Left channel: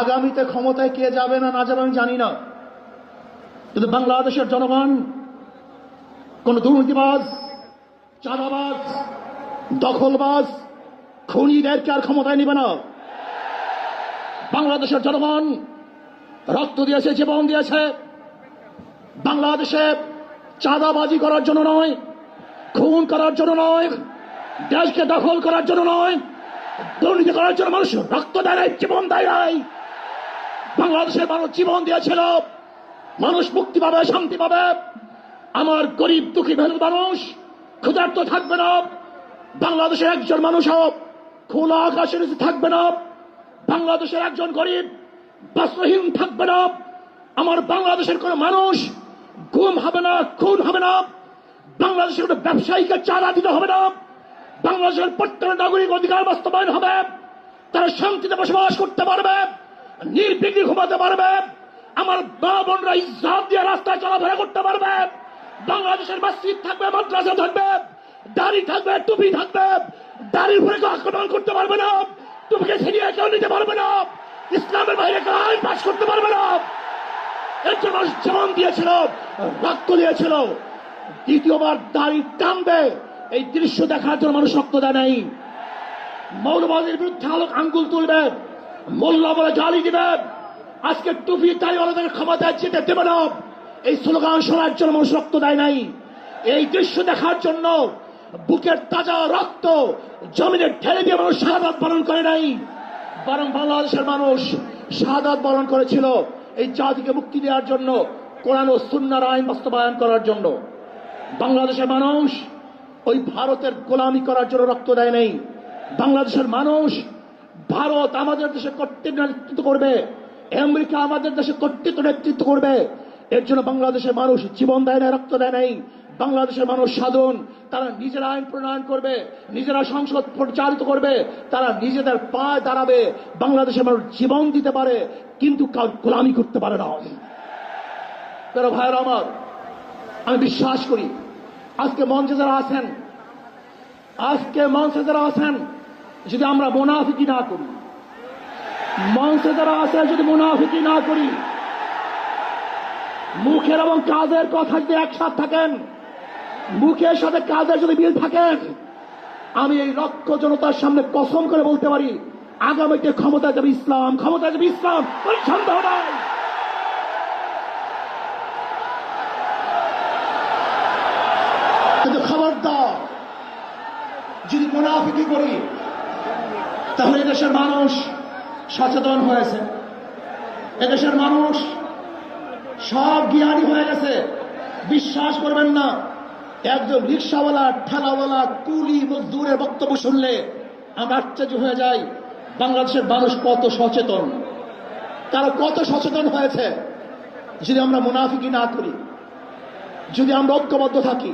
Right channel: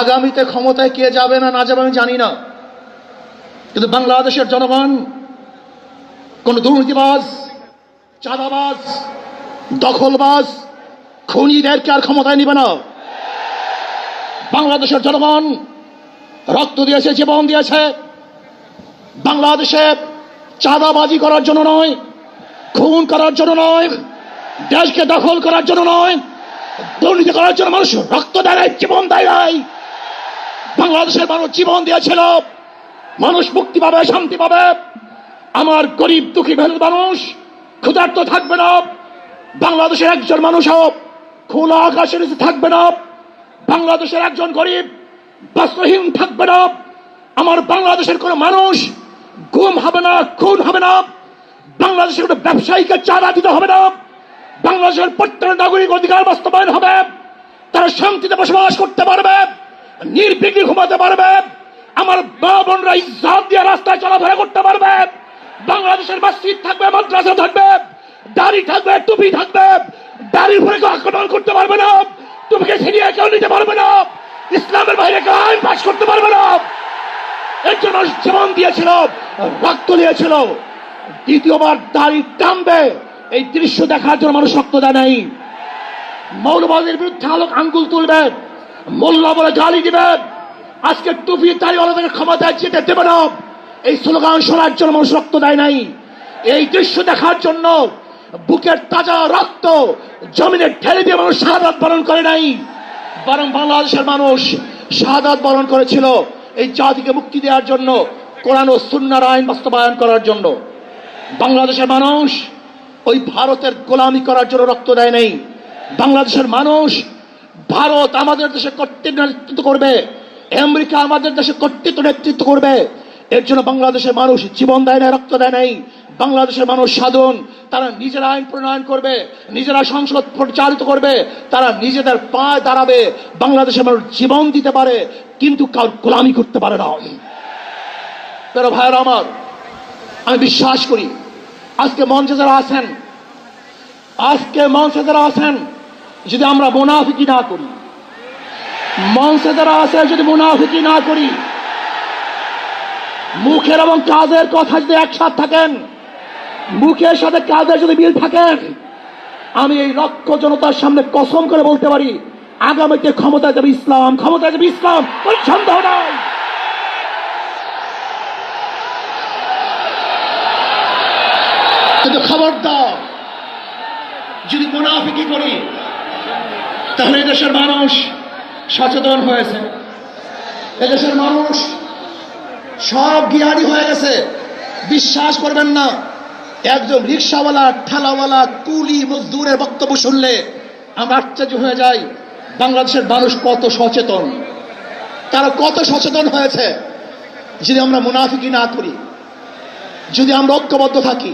আগামীতে ক্ষমতায় কে যাবে না না যাবে আমি জানি না, কিন্তু বাংলাদেশের জনগণ কোন দুর্নীতিবাজ, চাঁদাবাজ, দখলবাজ, খুনিদেরকে আর ক্ষমতায় নিবে না। বাংলাদেশের জনগণ রক্ত দিয়েছে, জীবন দিয়েছে বাংলাদেশে চাঁদাবাজি করার জন্য নয়, খুন করার জন্য নয়, দেশকে দখল করার জন্য নয়, দুর্নীতি করার জন্য মানুষ রক্ত দেয়, জীবন দেয়। বাংলাদেশের মানুষ জীবন দিয়েছিল, মানুষ মুক্তি পাবে, শান্তি পাবে। আমার গরিব দুঃখী মেহনত মানুষ ক্ষুধার্ত থাকবে না, বাংলাদেশের একজন মানুষও খোলা আকাশের নিচে থাকবে না, বাংলাদেশের একজন গরিব বস্ত্রহীন থাকবে না, আমার বাংলাদেশের কোন মানুষ গুম হবে না, খুন হবে না, বাংলাদেশের কোন ব্যবসায়ীকে চাঁদা দিতে হবে না, বাংলাদেশের প্রত্যেক নাগরিক অধিকার বাস্তবায়ন হবে, তারা শান্তিতে বসবাস করতে পারবে, নির্বিঘ্নে ঘুমাতে পারবে, আমার মা বোনরা ইজ্জত দিয়ে রাস্তায় চলাফেরা করতে পারবে, বাংলাদেশের মসজিদ থাকবে, মাদ্রাসা থাকবে, দাড়ি থাকবে, টুপি থাকবে, দাড়ির উপরে কেউ আক্রমণ করতে পারবে না, টুপিকে ছিনিয়ে কেউ নিতে পারবে না, ইসলামের বাইরে কেউ আইন পাশ করতে পারবে না। এর জন্য জীবন দিয়েছিল, রক্ত দিয়েছিল। দ্বিতীয়বার দাড়ি টানবে এই দৃশ্য দেখার জন্য মানুষ রক্ত দেয় নাই। মৌলবাদীর বিরুদ্ধে আঙ্গুল তুলবে, মোল্লা বলে গালি দিবে, আজকে টুপি দাড়িওয়ালাদের ক্ষমতায় যেতে দেবে না, এই স্লোগান শোনার জন্য মানুষ রক্ত দেয় নাই। এই দৃশ্য দেখার জন্য বুকের তাজা রক্ত জমিনে ঢেলে দিয়ে মানুষ শাহাদাত বরণ করে নাই, বরং বাংলাদেশের মানুষ শাহাদাত বরণ করেছিল এই জাতিকে মুক্তি দেওয়ার জন্য, কোরআন ও সুন্নাহর আইন বাস্তবায়ন করার জন্য। বাংলাদেশের মানুষ ওই ভারতের গোলামি করার জন্য রক্ত দেয় নাই। বাংলাদেশের মানুষ ভারত আমাদের দেশে কর্তৃত্ব নেতৃত্ব করবে, আমেরিকা আমাদের দেশে কর্তৃত্ব নেতৃত্ব করবে, এর জন্য বাংলাদেশের মানুষ জীবন দেয় না, রক্ত দেয় নাই। বাংলাদেশের মানুষ সাধন, তারা নিজেরা আইন প্রণয়ন করবে, নিজেরা সংসদ পরিচালিত করবে, তারা নিজেদের পায়ে দাঁড়াবে, বাংলাদেশের মানুষ জীবন দিতে পারে কিন্তু কার গোলামি করতে পারে না। প্রিয় ভাইয়েরা আমার, আমি বিশ্বাস করি আজকে মঞ্চে যারা আছেন, যদি আমরা মুনাফিকি না করি, মঞ্চে যারা আছে যদি মুনাফিকি না করি, মুখের এবং কাজের কথা যদি একসাথে থাকেন, মুখের সাথে কাজের যদি মিল থাকেন, আমি এই লক্ষ জনতার সামনে কসম করে বলতে পারি আগামীতে ক্ষমতায় যাবে ইসলাম, ক্ষমতায় যাবে ইসলাম, কোনো সন্দেহ নাই। কিন্তু খবরদার যদি মুনাফিকি করি তাহলে এদেশের মানুষ সচেতন হয়েছে, এদেশের মানুষ সব জ্ঞানী হয়ে গেছে। বিশ্বাস করবেন না, একজন রিক্সাওয়ালা, ঠেলাওয়ালা, কুলি মজদুরের বক্তব্য শুনলে আমরা আশ্চর্য হয়ে যাই বাংলাদেশের মানুষ কত সচেতন, তারা কত সচেতন হয়েছে। যদি আমরা মুনাফিকি না করি, যদি আমরা ঐক্যবদ্ধ থাকি,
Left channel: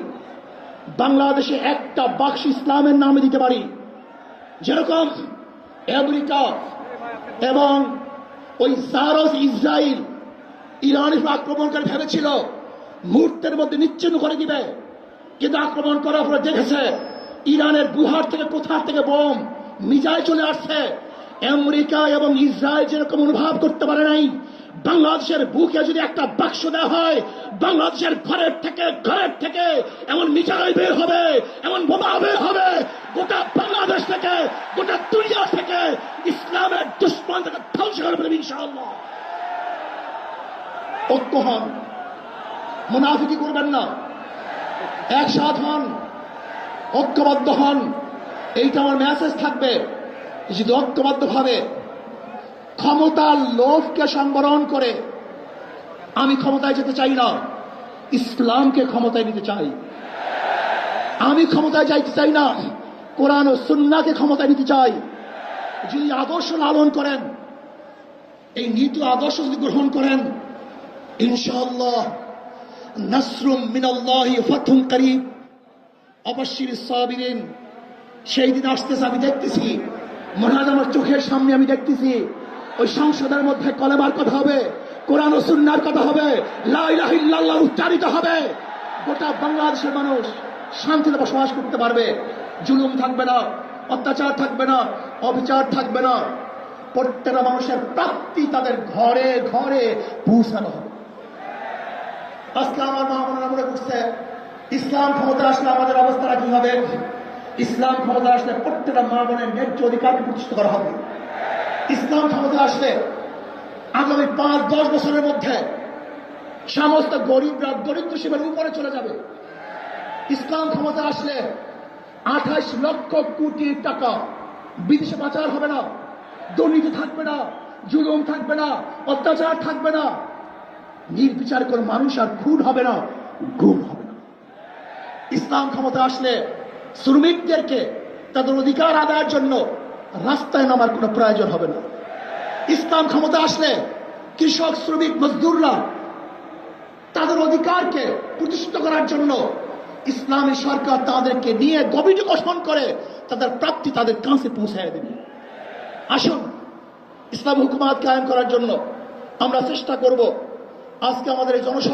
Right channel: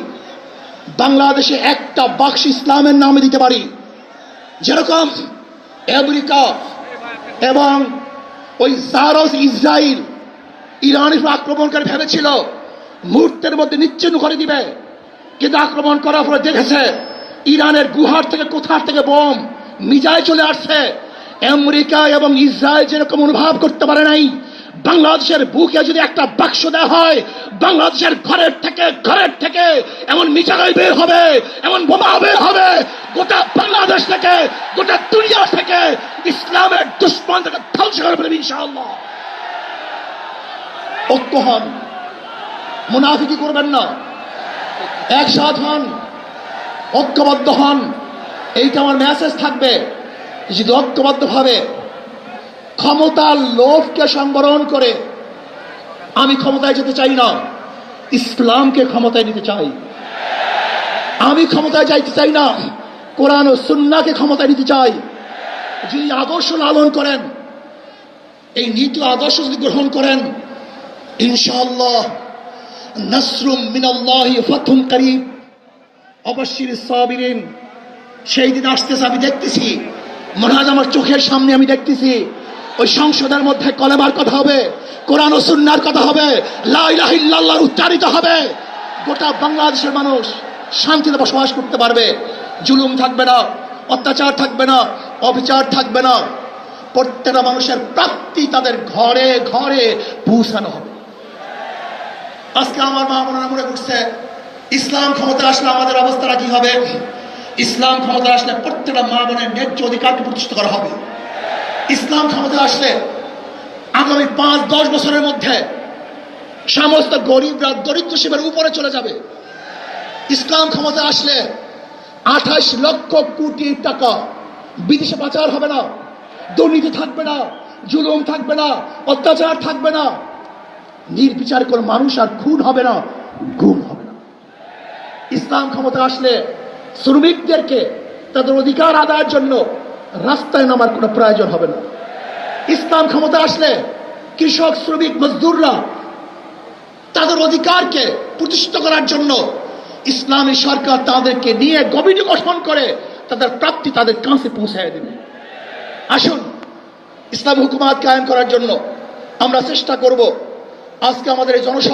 বাংলাদেশে একটা বাক্স ইসলামের নামে দিতে পারি, যেরকম আমেরিকা এবং ওই জারস ইসরায়েল ইরানের আক্রমণ করে ভেবেছিল মুহূর্তের মধ্যে নিচ্ছিন্ন করে দিবে, কিন্তু আক্রমণ করার পরে দেখেছে ইরানের গুহার থেকে কোথার থেকে বোম মিজাইল চলে আসছে। আমেরিকা এবং ইসরায়েল যেরকম অনুভব করতে পারে নাই, বাংলাদেশের বুকে যদি একটা বাক্স দেওয়া হয়, বাংলাদেশের ঘরের থেকে এমন মিসাইল বের হবে, এমন বোমা বের হবে, গোটা বাংলাদেশ থেকে, গোটা দুনিয়া থেকে ইসলামের দুশ্মন থেকে ধ্বংস করে ফেলবে ইনশাআল্লাহ। ঐক্য হন, মুনাফিকি করবেন না, একসাথ হন, ঐক্যবদ্ধ হন, এইটা আমার মেসেজ থাকবে। যদি ঐক্যবদ্ধ ভাবে ক্ষমতার লোভকে সংবরণ করে আমি ক্ষমতায় যেতে চাই না, ইসলামকে ক্ষমতায় নিতে চাই। আমি ক্ষমতায় যাইতে চাই না, কোরআন ও সুন্নাহকে ক্ষমতায় নিতে চাই। যিনি আদর্শ লালন করেন, এই নীতি আদর্শ যদি গ্রহণ করেন, ইনশাআল্লাহ নাসরুম মিনাল্লাহি ফাতহুন করিব, অবশ্যই সাবিরিন, সেই দিন আসতেছে। আমি দেখতেছি, মনে হয় আমার চোখের সামনে আমি দেখতেছি ওই সংসদের মধ্যে কলেমার কথা হবে, কোরআন ও সুন্নাহর কথা হবে, লা ইলাহা ইল্লাল্লাহ উচ্চারিত হবে। গোটা বাংলাদেশের মানুষ শান্তিতে বসবাস করতে পারবে, জুলুম থাকবে না, অত্যাচার থাকবে না, অবিচার থাকবে না। প্রত্যেকটা মানুষের প্রাপ্তি তাদের ঘরে ঘরে পৌঁছানো হবে। আজকে আমার মা বোনেরা মনে করছে ইসলাম ক্ষমতা আসলে আমাদের অবস্থাটা কি হবে? ইসলাম ক্ষমতা আসলে প্রত্যেকটা মা বোনের ন্যায্য অধিকারকে প্রতিষ্ঠিত করা হবে। ইসলাম ক্ষমতা আসলে আগামী 5-10 বছরের মধ্যে সমস্ত গরিবরা দরিদ্র সীমার উপরে চলে যাবে। ইসলাম ক্ষমতা আসলে 28 লক্ষ কোটি টাকা বিদেশে পাচার হবে না, দুর্নীতি থাকবে না, জুলুম থাকবে না, অত্যাচার থাকবে না, নির্বিচার কোন মানুষ আর খুন হবে না, গুম হবে না। ইসলাম ক্ষমতা আসলে শ্রমিকদেরকে তাদের অধিকার আদায়ের জন্য রাস্তায় নামার কোনো প্রয়োজন হবে না। ইসলাম ক্ষমতা আসলে কৃষক, শ্রমিক, মজদুররা তাদের অধিকারকে প্রতিষ্ঠিত করার জন্য ইসলামী সরকার তাদেরকে নিয়ে কমিটি গঠন করে তাদের প্রাপ্তি তাদের কাছে পৌঁছায় দেবে। আসুন ইসলাম হুকুমাত কায়েম করার জন্য আমরা চেষ্টা করব। আজকে আমাদের এই জনসভা